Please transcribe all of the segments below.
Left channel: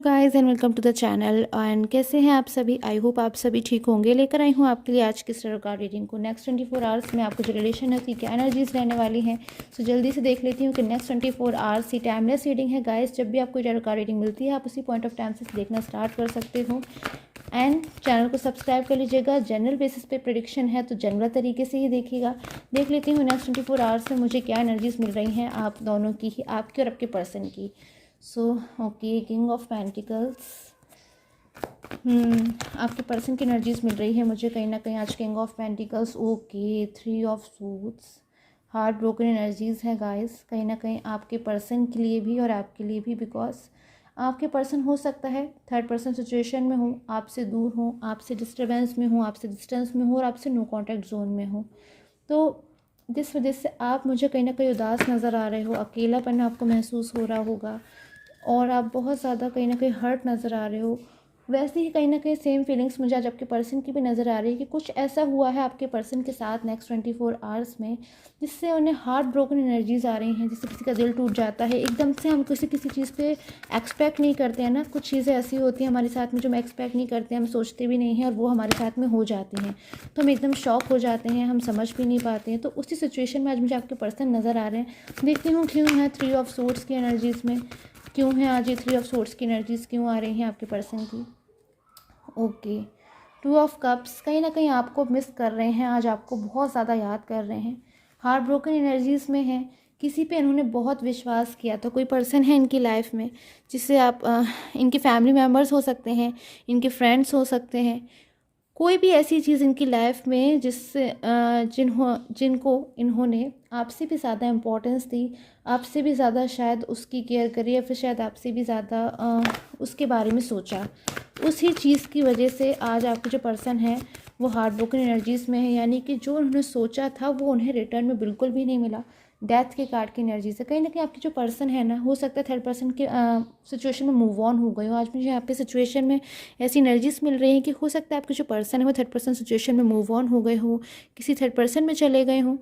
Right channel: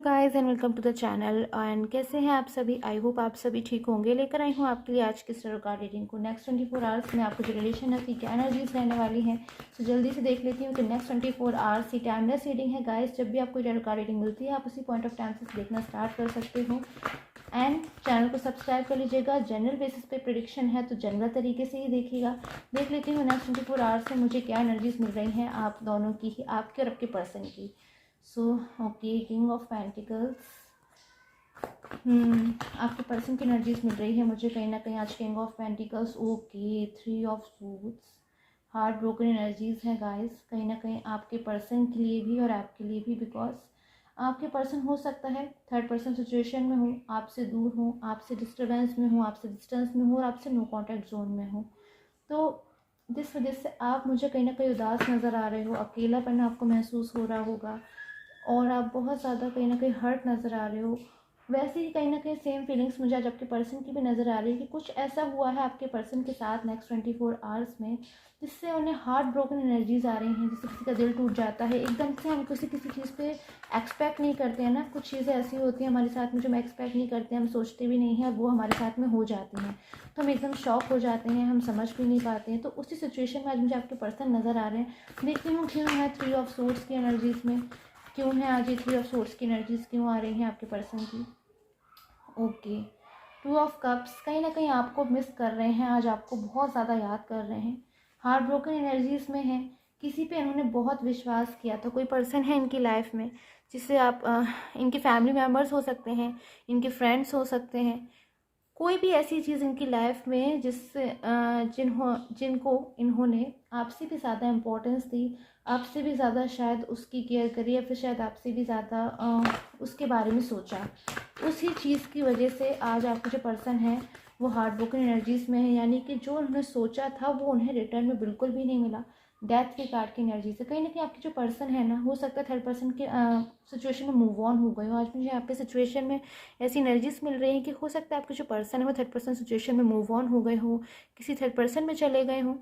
Guys and welcome to the channel. And कैसे हैं आप सभी? आई होप आप सभी ठीक होंगे। लेकर आई हूँ आपके लिए आज की स्टार कार्ड रीडिंग को। नेक्स्ट 24 आवर्स में आपको जो रिलेशन है उसकी क्या एनर्जीज रहने वाली हैं, सो जल्दी से देख लेती हूँ कि नेक्स्ट 24 आवर्स की टाइमलेस रीडिंग है गाइस। जब भी आपको स्टार कार्ड रीडिंग मिलती है आप उसी पॉइंट ऑफ टाइम से देखना स्टार्ट कर सकते हो। एंड चैनल को सब्सक्राइब कर लीजिएगा। जनरल बेसिस पे प्रेडिक्शन है तो जनरल तरीके से ही देखिएगा। देख लेती हूँ नेक्स्ट 24 आवर्स में मुझे क्या एनर्जीज मिल रही हैं आप दोनों की ही, आपके और आपके पर्सन की। So okay, king of pentacles. आपके पर्सन की एनर्जीज मिल रही है मुझे कहीं ना कहीं आज। King of pentacles, okay, three of suits, heart broken energies है गाइस कहीं ना कहीं आपके पर्सन के लिए भी और आपके लिए भी। बिकॉज आपके पर्सन हो सकता है थर्ड पर्सन सिचुएशन में हो, आपसे दूर हो, आपसे डिस्टर्बेंस में हो, आपसे डिस्टेंस में हो और आपसे नो कॉन्टैक्ट जोन में हो। तो जिस वजह से आप मुझे कहीं ना कहीं उदास नज़र आ रहे हो, अकेलापन आपको महसूस हो रहा होगा और आप बहुत ज़्यादा कहीं ना कहीं हर्ट नज़र आ रहे हो। वैसे ही कहीं ना कहीं सेम फीलिंग्स मुझे आज आपके पर्सन की भी नज़र आ रही है कि कुछ ऐसा हुआ है आपके पर्सन के साथ नेक्स्ट 24 आवर्स में जिससे उन्हें हार्ट ब्रोकन एनर्जीज आ रही हैं। जिससे किसी का दिल टूट जाता है एकदम से। हम किसी किसी चीज़ पे एक्सपेक्ट नहीं करते हैं ना, कुछ चीज़ें ऐसी होती हैं हमारे साथ में जो हम एक्सपेक्ट नहीं करते हैं, हम सोचते भी नहीं हैं और वो हमारे साथ में हो जाती हैं तो हम एकदम शॉक हो जाते हैं, हम समझ भी नहीं पाते हैं। तो उसी सिचुएशन में आज मुझे आपके पर्सन नज़र आ रहे हैं। देखती हूँ क्यों है थ्री ऑफ सोर्ड्स की एनर्जीज में, क्यों है आज ये थ्री ऑफ सोर्ड्स की एनर्जीज क्यों आ रही हैं आपके पर्सन की। ओके, टू ऑफ कप्स, कहीं ना कहीं आपको मिस कर रहे हैं आज, आपको बहुत ज़्यादा याद कर रहे हैं। हार्ट ब्रोकन एनर्जीज में है, किसी पे इन्होंने बहुत विश्वास किया था। कोई पर्सन है इनकी लाइफ में जिससे आप इनके फैमिली मेम्बर्स हो सकते हैं, इनके फ्रेंड्स हो सकते हैं, कोई भी ऐसी चीज़ इनकी लाइफ में जिससे जिनको इन्होंने आपसे भी ज़्यादा इम्पोर्टेंस दी, आपसे भी ज़्यादा शायद उसकी केयर करी या फिर शायद आपसे भी ज़्यादा उसके बारे में सोचा। उसी चीज़ की वजह से आज आपका जो पर्सन है वो हार्ट ब्रोकन एनर्जीज़ में है। यानी कि जो उन्होंने सोचा था वो उन्हें रिटर्न में बिल्कुल भी नहीं मिला। डेथ के कार्ड की एनर्जी से कहीं ना कहीं आपकी जो पर्सन है ना, हो सकता है थर्ड पर्सन के सिचुएशन में मूव ऑन हो गए हो। आज मुझे यहाँ पे सिचुएशन में ऐसी एनर्जीज मिल रही हैं कि हो सकता है आपके जो पर्सन है वो थर्ड पर्सन सिचुएशन में मूव ऑन हो गए हो, किसी थर्ड पर्सन में चले गए हों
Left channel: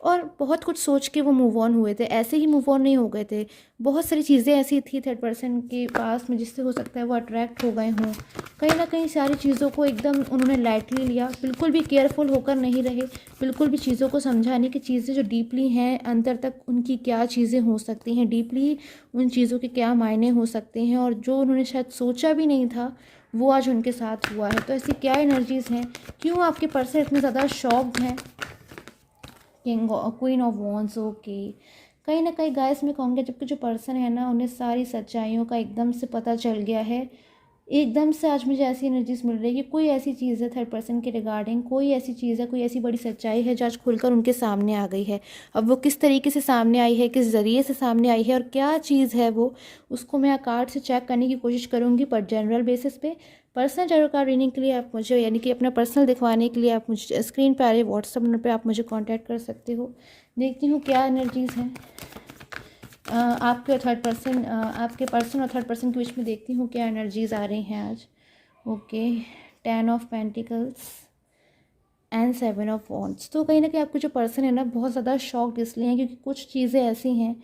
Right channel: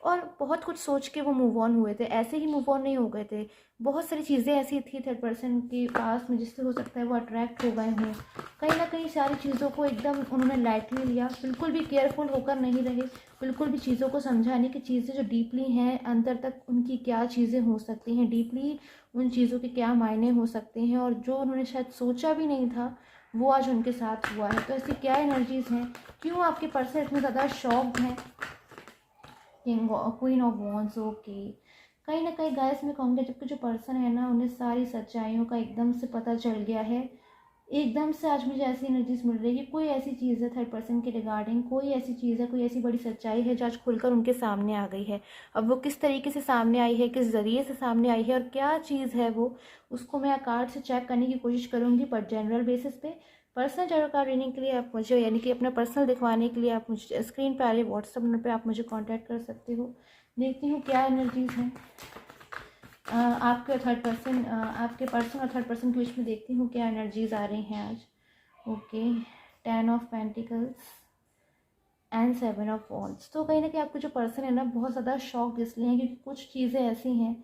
और बहुत कुछ सोच के वो मूव ऑन हुए थे। ऐसे ही मूव ऑन नहीं हो गए थे, बहुत सारी चीज़ें ऐसी थी थर्ड पर्सन के पास में जिससे हो सकता है वो अट्रैक्ट हो गए हों। कहीं ना कहीं सारी चीज़ों को एकदम उन्होंने लाइटली लिया, बिल्कुल भी केयरफुल होकर नहीं रहे, बिल्कुल भी चीज़ों को समझाने की चीज़ें जो डीपली हैं अंतर तक उनकी क्या चीज़ें हो सकती हैं, डीपली उन चीज़ों के क्या मायने हो सकते हैं और जो उन्होंने शायद सोचा भी नहीं था वो आज उनके साथ हुआ है। तो ऐसी क्या एनर्जीज़ हैं, क्यों आपके पर्सन इतने ज़्यादा शॉक्ड हैं। King queen of wands, okay, कहीं ना कहीं गाइस मैं कहूँगी जबकि जो पर्सन है ना उन्हें सारी सच्चाइयों का एकदम से पता चल गया है। एकदम से आज मुझे ऐसी एनर्जीज मिल रही है कि कोई ऐसी चीज़ है थर्ड पर्सन के रिगार्डिंग, कोई ऐसी चीज़ है, कोई ऐसी बड़ी सच्चाई है जो आज खुलकर उनके सामने आ गई है। अब वो किस तरीके से सामने आई है, किस ज़रिए से सामने आई है और क्या चीज़ है वो, उसको मैं कार्ड से चेक करने की कोशिश करूँगी। पर जनरल बेसिस पे पर्सनल टैरो कार्ड रीडिंग के लिए आप मुझे, यानी कि अपना पर्सनल दिखवाने के लिए आप मुझे स्क्रीन पर आ रहे व्हाट्सअप नंबर पे आप मुझे कांटेक्ट कर सकते हो। देखती हूँ क्या एनर्जीज़ हैं आपके और थर्ड पर्सन, आपके पर्सन और थर्ड पर्सन के बीच में। देखती हूँ क्या एनर्जीज़ आ रही हैं आज। Okay, 10 of pentacles and 7 of wands. तो कहीं ना कहीं आपके जो पर्सन है ना बहुत ज़्यादा शॉक्ड इसलिए हैं क्योंकि कुछ चीज़ें ऐसी हैं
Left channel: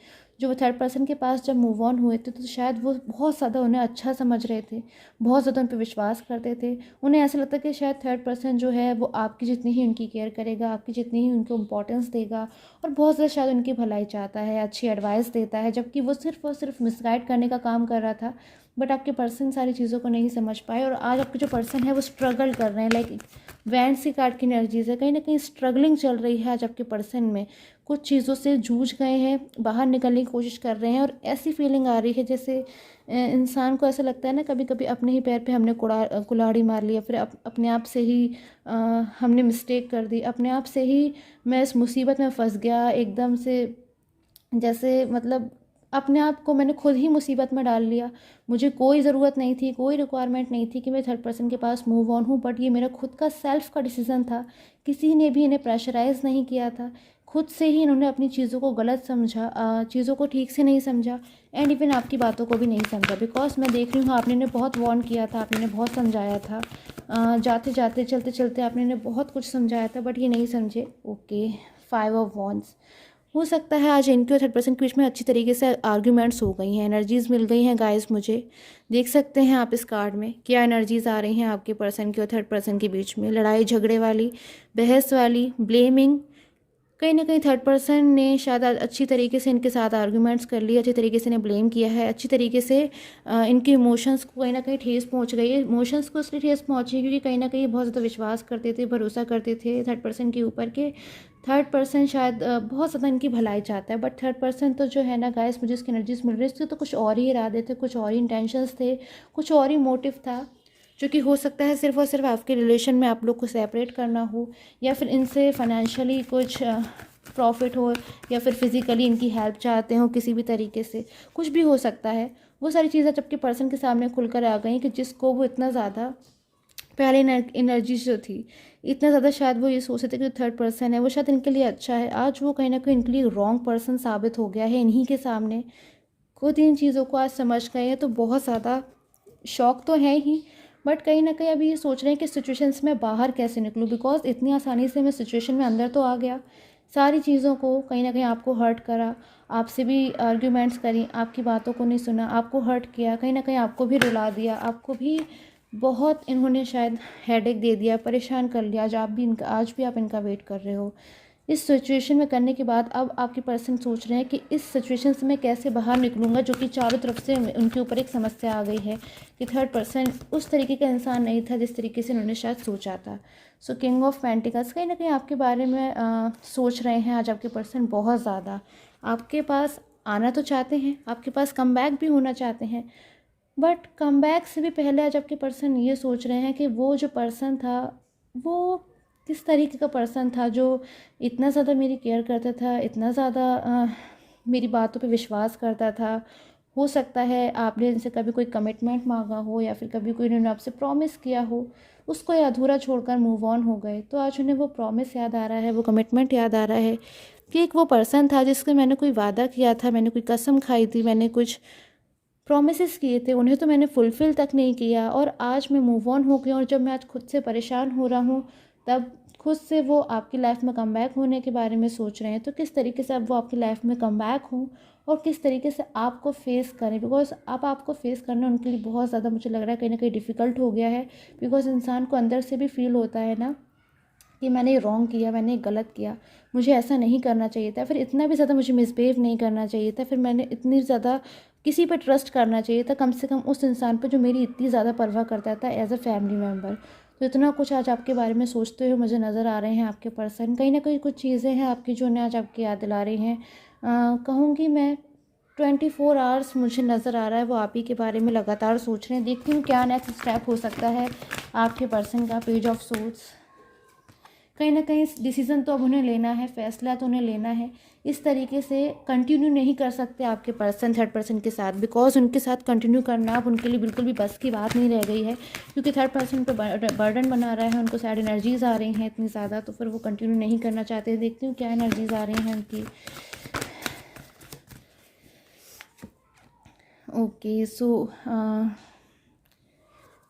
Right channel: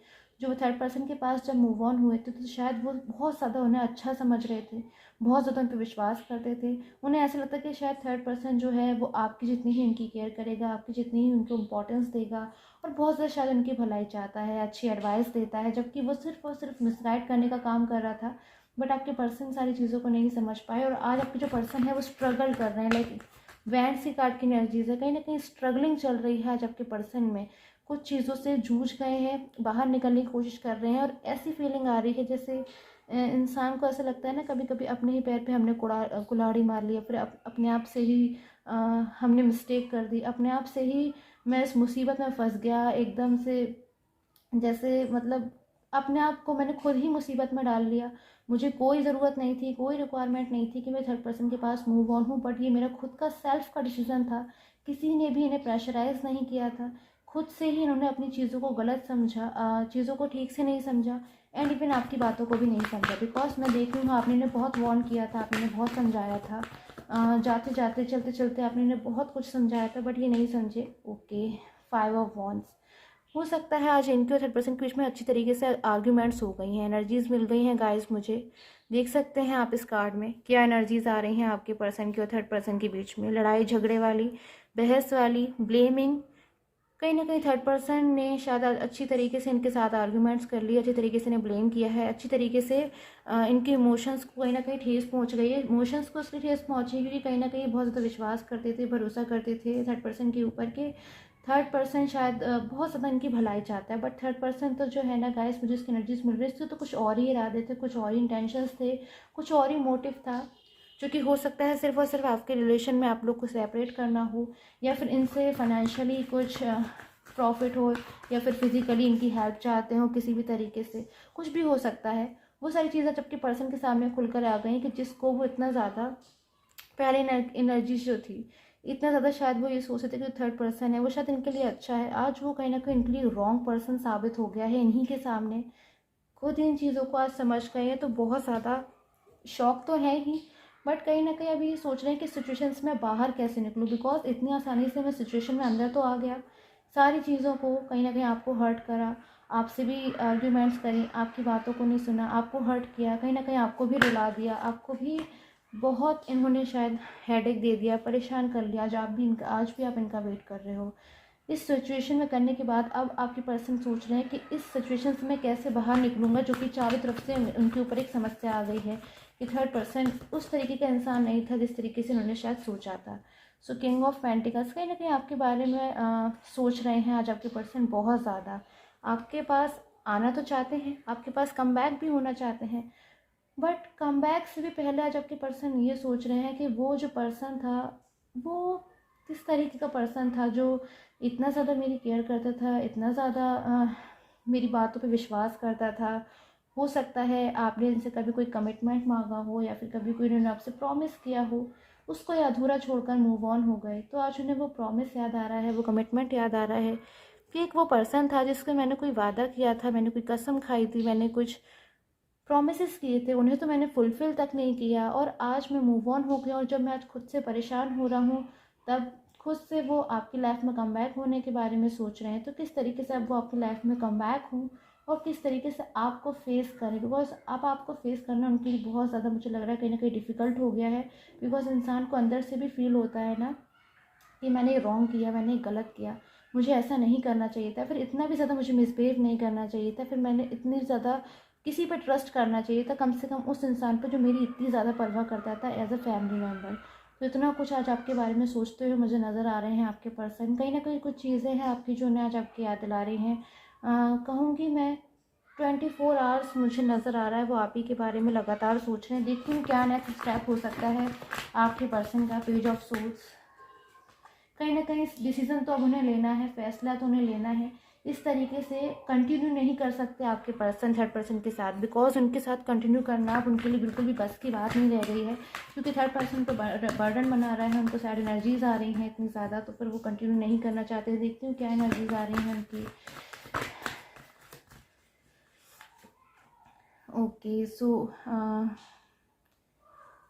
जो वो थर्ड पर्सन के पास जब मूव ऑन हुए थे तो शायद वो बहुत ज़्यादा उन्हें अच्छा समझ रहे थे, बहुत ज़्यादा उन पर विश्वास करते थे। उन्हें ऐसा लगता कि शायद थर्ड पर्सन जो है वो आपकी जितनी ही उनकी केयर करेगा, आपकी जितनी ही उनको इम्पोर्टेंस देगा और बहुत ज़्यादा शायद उनकी भलाई चाहता है, अच्छी एडवाइस देता है, जबकि वो सिर्फ और सिर्फ मिसगाइड करने का काम कर रहा था। बट आपके पर्सन सारी चीज़ों को नहीं समझ पाए और आज आपके जो पर्सन है वो स्ट्रगल कर रहे हैं। लाइक वैंड सी कार्ड की एनर्जीज है, कहीं ना कहीं स्ट्रगलिंग चल रही है आज आपके पर्सन में। कुछ चीज़ों से जूझ गए हैं, बाहर निकलने की कोशिश कर रहे हैं और ऐसी फीलिंग आ रही है जैसे इंसान को ऐसा लगता है ना कभी कभी अपने ही पैर पे हमने कुल्हाड़ी मार लिया, फिर अपने आप से ही हमने मिस्टेक कर दी, अपने आप से ही मैं इस मुसीबत में फंस गया एकदम से। जैसे मतलब अपने आप को मैंने खुद ही मुसीबत में डाल लिया। मुझे कोई ज़रूरत नहीं थी, कोई रिक्वायरमेंट नहीं थी कि मैं थर्ड पर्सन के पास मूव ऑन हूँ, बट ये मेरा खुद का सेल्फ का डिसीज़न था। किसी ने भी इन्हें प्रेशराइज़ नहीं किया था, खुद से ही इन्होंने अपनी चीज़ों को गलत समझा, चीज़ों को ठीक से नहीं समझा एंड इवन आपकी बातों को भी नहीं समझा। बिकॉज मैं देख रही हूँ आपने इन्हें बहुत वार्न किया था, आपने इन्हें बहुत समझाया था, जाते जाते चलते चलते आपने इन्हें बहुत कुछ समझाया था बट ये नहीं समझे। ओके, 5 ऑफ वॉन्ड्स, हो सकता है आज इनके और थर्ड पर्सन के बीच में अच्छी तरीके से आर्ग्यूमेंट्स हो गई हैं, एनर्जीज मिल गई हैं गाइस मुझे। देख सकते हैं आप इस कार्ड में क्या एनर्जीज आ रही हैं आपके पर्सन की और थर्ड पर्सन के बीच में। लड़ाई झगड़े वाली, बहस वाली, ब्लेमिंग। कहीं ना कहीं थर्ड पर्सन ने शायद अच्छी तरीके से इनके साथ आर्ग्यूमेंट्स कर लिए, अच्छी तरीके से इन्हें ब्लेम किया है, अच्छी तरीके से इनके इमोशंस को कहीं ना कहीं ठेस पहुंच गई है। इमोशंस को इसलिए ठेस पहुंची क्योंकि कहीं ना कहीं बहुत ज़्यादा विश्वास करते थे, भरोसा करते थे थर्ड पर्सन के ऊपर के थर्ड पर्सन शायद बहुत ज़्यादा इनकी भलाई चाहता है। बट थर्ड पर्सन तो जो है ना गाइस, मुझे इसकी एनर्जीज मिल रही थी तो कुछ और ही इरादे थे, कुछ और ही इंटेंशंस थे, कुछ और ही मोटिव था, जो कि हो सकता है सिर्फ और सिर्फ आपके रिलेशन में आप लोग को सेपरेट करना हो, या फिर इनसे फाइनेंशियली कुछ प्रॉफिट हो, या फिर फिज़िकली इनकी हेल्प चाहते हो किसी भी तरीके से, कुछ भी हो सकता है। वो सारी चीज़ें जबकि पर्सन के सामने खुलकर आ गई कि जिसको वो इतना ज़्यादा पहले एनर्जी जो थी, इतना ज़्यादा शायद वो ये सोचते थे कि थर्ड पर्सन है वो शायद इनके लिए अच्छा है, आज वो कहीं ना कहीं इनके लिए रॉन्ग पर्सन साबित हो गया है इन्हीं के सामने। खुद इन चीज़ों को आज समझ गए हैं तो बहुत ज़्यादा शौक तो है ही, बट कहीं ना कहीं अभी ये सोच रहे हैं कि सिचुएशन से मैं बाहर कैसे निकलूँ, बिकॉज इतनी आसानी से मैं सिचुएशन में अंदर तो आ गया, सारी चीज़ों को कहीं ना कहीं आपको हर्ट करा, आपसे भी आर्ग्यूमेंट्स करी, आपकी बातों को नहीं सुना, आपको हर्ट किया, कहीं ना कहीं आपको भी रुला दिया, आपको भी बहुत इन्होंने शायद हेडेक दे दिया, परेशान कर लिया। आज भी आप इनका वेट कर रहे हो। इस सिचुएशन में करने के बाद अब आपके पर्सन सोच रहे हैं कि इस सिचुएशन से मैं कैसे बाहर निकलूँगा, जो कि चारों तरफ से उनके ऊपर एक समस्या आ गई है कि थर्ड पर्सन उस तरीके का इंसान नहीं था जिस तरीके से उन्होंने शायद सोचा था। सो किंग ऑफ पेंटिकल्स कहीं ना कहीं आपके बारे में सोच रहे हैं आज आपके पर्सन बहुत ज़्यादा। आपके पास आना तो चाहते हैं, आपके पास कमबैक भी होना चाहते हैं, बट कमबैक से भी पहले आज आपके पर्सन ये सोच रहे हैं कि वो जो पर्सन था वो किस तरीके का पर्सन था, जो इतना ज़्यादा मेरी केयर करता था, इतना ज़्यादा मेरी बातों पे विश्वास करता था। हो सकता है आपने इनसे कभी कोई कमिटमेंट मांगा हो, या फिर कभी कोई इन्होंने आपसे प्रॉमिस किया हो, उसको ये अधूरा छोड़कर मूव ऑन हो गए, तो आज उन्हें वो प्रॉमिस याद आ रहा है, वो कमिटमेंट याद आ रहा है कि एक वो पर्सन था जिससे मैंने कोई वादा किया था, मैंने कोई कसम खाई थी, मैंने कुछ प्रॉमिसेस किए थे, उन्हें तो मैंने फुलफ़िल तक नहीं किया, और आज मैं मूव ऑन हो गई। और जब मैं आज खुद से परेशान हो रहा हूँ, तब खुद से वो आपकी लाइफ में कमबैक होने के बारे में सोच रहे हैं। तो किस तरीके से अब वो आपकी लाइफ में कमबैक हों और किस तरीके से आपको फेस करें, बिकॉज अब आपको फेस करना उनके लिए बहुत ज़्यादा मुझे लग रहा है कहीं ना कहीं डिफ़िकल्ट हो गया है। बिकॉज इंसान को अंदर से भी फील होता है ना कि मैंने रॉन्ग किया, मैंने गलत किया, मुझे ऐसा नहीं करना चाहिए था, फिर इतना भी ज़्यादा मुझे मिसबिहेव नहीं करना चाहिए था, फिर मैंने इतनी ज़्यादा किसी पर ट्रस्ट करना चाहिए था, कम से कम उस इंसान पर जो मेरी इतनी ज़्यादा परवाह करता था एज अ फैमिली मेम्बर। तो इतना कुछ आज आपके बारे में सोचते हुए मुझे नज़र आ रहे हैं आपके पर्सन। कहीं ना कहीं कुछ चीज़ें हैं आपकी जो उन्हें आज आपकी याद दिला रही हैं। कहूँगी मैं 24 आवर्स मुझे नज़र आ रहा है वो आप ही के बारे में लगातार सोच रहे हैं। देखती हूँ क्या नेक्स्ट स्टेप हो सकता है आपके पर्सन का। पेज ऑफ सूट्स, कहीं ना कहीं डिसीज़न तो अब उन्हें लेना है, फैसला तो उन्हें लेना है। इस तरीके से कंटिन्यू नहीं कर सकते आपके पर्सन थर्ड पर्सन के साथ, बिकॉज उनके साथ कंटिन्यू करना अब उनके लिए बिल्कुल भी बस की बात नहीं रह गई है, क्योंकि थर्ड पर्सन तो बर्डन बना रहा है, उनको सैड एनर्जीज आ रही हैं इतनी ज़्यादा, तो फिर वो कंटिन्यू नहीं करना चाहते। देखती हूँ क्या एनर्जीज आ रही हैं उनकी। Okay, so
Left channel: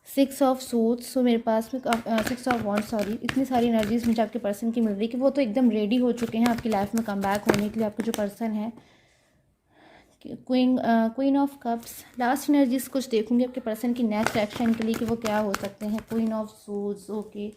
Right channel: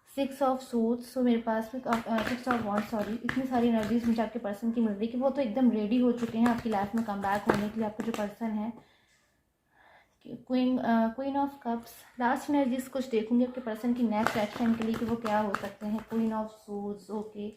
6 of suits. So मेरे पास में 6 ऑफ वॉन्ड्स, सॉरी, इतनी सारी एनर्जीज मुझे आपके पर्सन की मिल रही कि वो तो एकदम रेडी हो चुके हैं आपकी लाइफ में कम बैक होने के लिए। आपका जो पर्सन है queen of cups. Last energies कुछ देखूंगी आपके पर्सन की नेक्स्ट एक्शन के लिए कि वो क्या हो सकते हैं। Queen of suits, okay.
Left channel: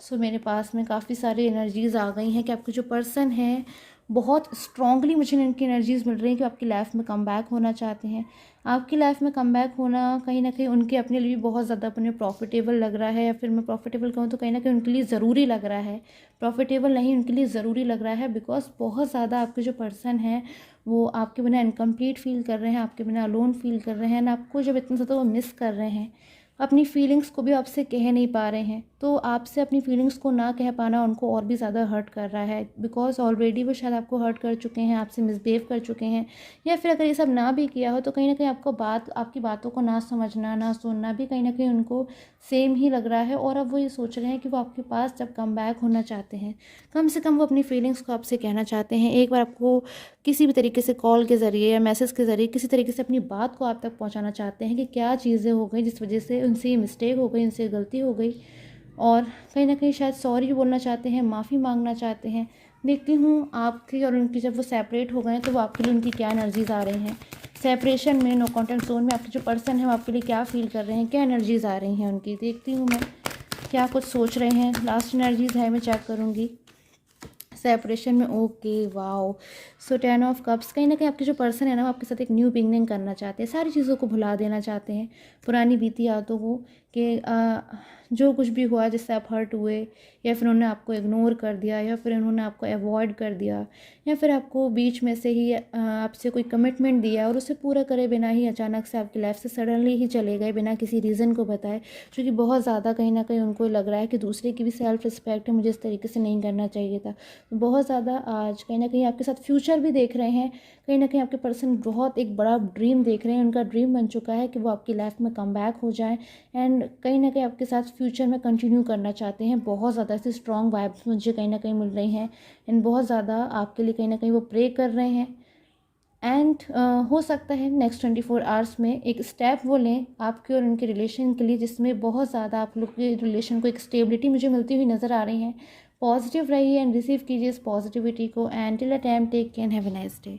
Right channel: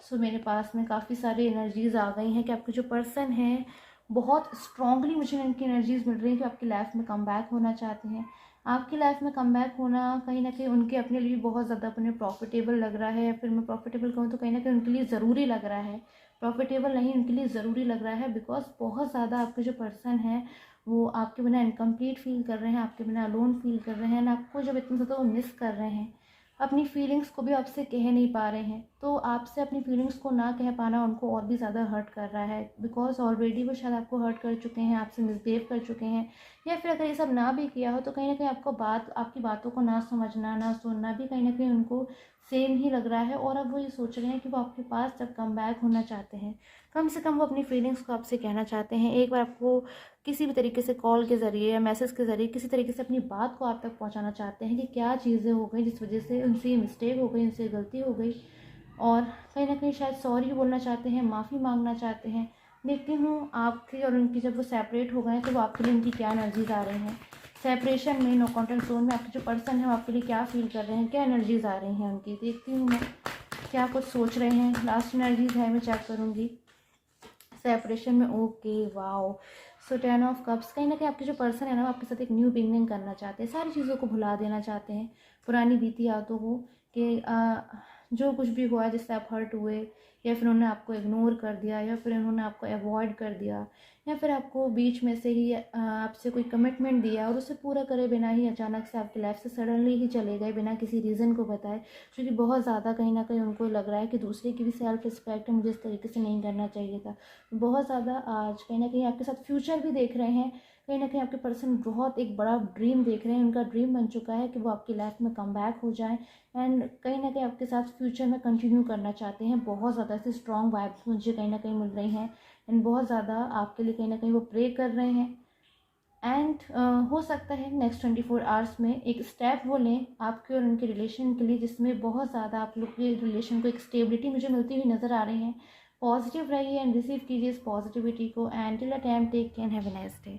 So मेरे पास में काफ़ी सारी एनर्जीज आ गई हैं कि आपके जो पर्सन है बहुत स्ट्रांगली मुझे इनकी एनर्जीज मिल रही हैं कि आपकी लाइफ में कम बैक होना चाहते हैं। आपकी लाइफ में कमबैक होना कहीं ना कहीं उनके अपने लिए बहुत ज़्यादा अपने प्रॉफिटेबल लग रहा है, या फिर मैं प्रॉफिटेबल कहूँ तो कहीं ना कहीं उनके लिए ज़रूरी लग रहा है। प्रॉफिटेबल नहीं, उनके लिए ज़रूरी लग रहा है, बिकॉज बहुत ज़्यादा आपके जो पर्सन है वो आपके बिना इनकम्प्लीट फील कर रहे हैं, आपके बिना अलोन फील कर रहे हैं, ना आपको जब इतना ज़्यादा वो मिस कर रहे हैं, अपनी फीलिंग्स को भी आपसे कह नहीं पा रहे हैं। तो आपसे अपनी फीलिंग्स को ना कह पाना उनको और भी ज़्यादा हर्ट कर रहा है, बिकॉज ऑलरेडी वो शायद आपको हर्ट कर चुके हैं, आपसे मिसबिहेव कर चुके हैं, या फिर अगर ये सब ना भी किया हो तो कहीं ना कहीं आपकी बातों को ना समझना, ना सुनना भी कहीं ना कहीं उनको सेम ही लग रहा है। और अब वो ये सोच रहे हैं कि वो आपके पास जब कम बैक होना चाहते हैं, कम से कम वो अपनी फीलिंग्स को आपसे कहना चाहते हैं। एक बार आपको किसी भी तरीके से कॉल के ज़रिए या मैसेज के ज़रिए किसी तरीके से अपनी बात को आप तक पहुंचाना चाहते हैं कि क्या चीज़ें हो गई जिस वजह से उनसे ये मिस्टेक हो गई, उनसे गलती हो गई, और कहीं ना कहीं शायद सॉरी बोलना चाहते हैं, माफ़ी मांगना चाहते हैं। देखती हूँ आपकी और उनकी जब वो सेपरेट हो गए तो वो आपके लिए उनकी क्या एनर्जीज आ रही हैं। सेपरेशन में, नो कॉन्टैक्ट जोन में आपके जो पर्सन है वो आपके लिए क्या फील कर रहे हैं, क्या एनर्जीज आ रही हैं उनकी, देखती हूँ मैं क्या कुछ सोच रहे हैं। लास्ट एनर्जीज है मैं चेक करूँगी सेपरेशन में। Okay wow, so 10 of cups, कहीं ना कहीं आपके जो पर्सन है ना वो आपके साथ एक न्यू बिगनिंग करना चाहते हैं, सारी चीज़ों को भुला देना चाहते हैं, पुरानी बीती यादों को, कि जो कुछ भी हुआ जिससे आप हर्ट हुए, या फिर उन्होंने आपको इग्नोर कर दिया, या फिर उन्होंने आपको अवॉइड कर दिया, या फिर आपको बीच में से ही आपसे कोई कमिटमेंट दिया और उसे पूरा करे बिना ही अचानक से आपकी लाइफ से सडनली ही चले गए बिना किसी रीज़न को बताए, जो कि बहुत ज़्यादा कहीं ना कहीं उनको लग रहा है कि दूसरे की भी सेल्फ रिस्पेक्ट है, मुझे इस तरीके से नहीं करना चाहिए था। बहुत ज़्यादा आज कहीं ना कहीं आपके साथ फ्यूचर भी देख रहे हैं, कहीं ना कहीं आपके पर्सन बहुत एक बड़ा ड्रीम देख रहे हैं, उनका ड्रीम बन चुका है कि वो आपकी लाइफ में कम बैक हो जाए एंड कहीं ना कहीं आपके साथ फ्यूचर में कंटिन्यू करना चाहते हैं। बहुत ज़्यादा ऐसी स्ट्रॉन्ग वाइब्स मुझे कहीं ना कहीं मिल रही हैं एंड बहुत ज़्यादा आपके लिए कहीं ना कहीं वो प्रे कर रहे हैं। एंड हो सकता है नेक्स्ट 24 आवर्स में एक स्टेप वो लें आपके और उनके रिलेशन के लिए, जिसमें बहुत ज़्यादा आप लोग के रिलेशन को एक स्टेबिलिटी मुझे मिलती हुई नज़र आ रही है। पॉजिटिव रहिए एंड रिसीव कीजिए इस पॉजिटिविटी को। And till a time take care, have a nice day.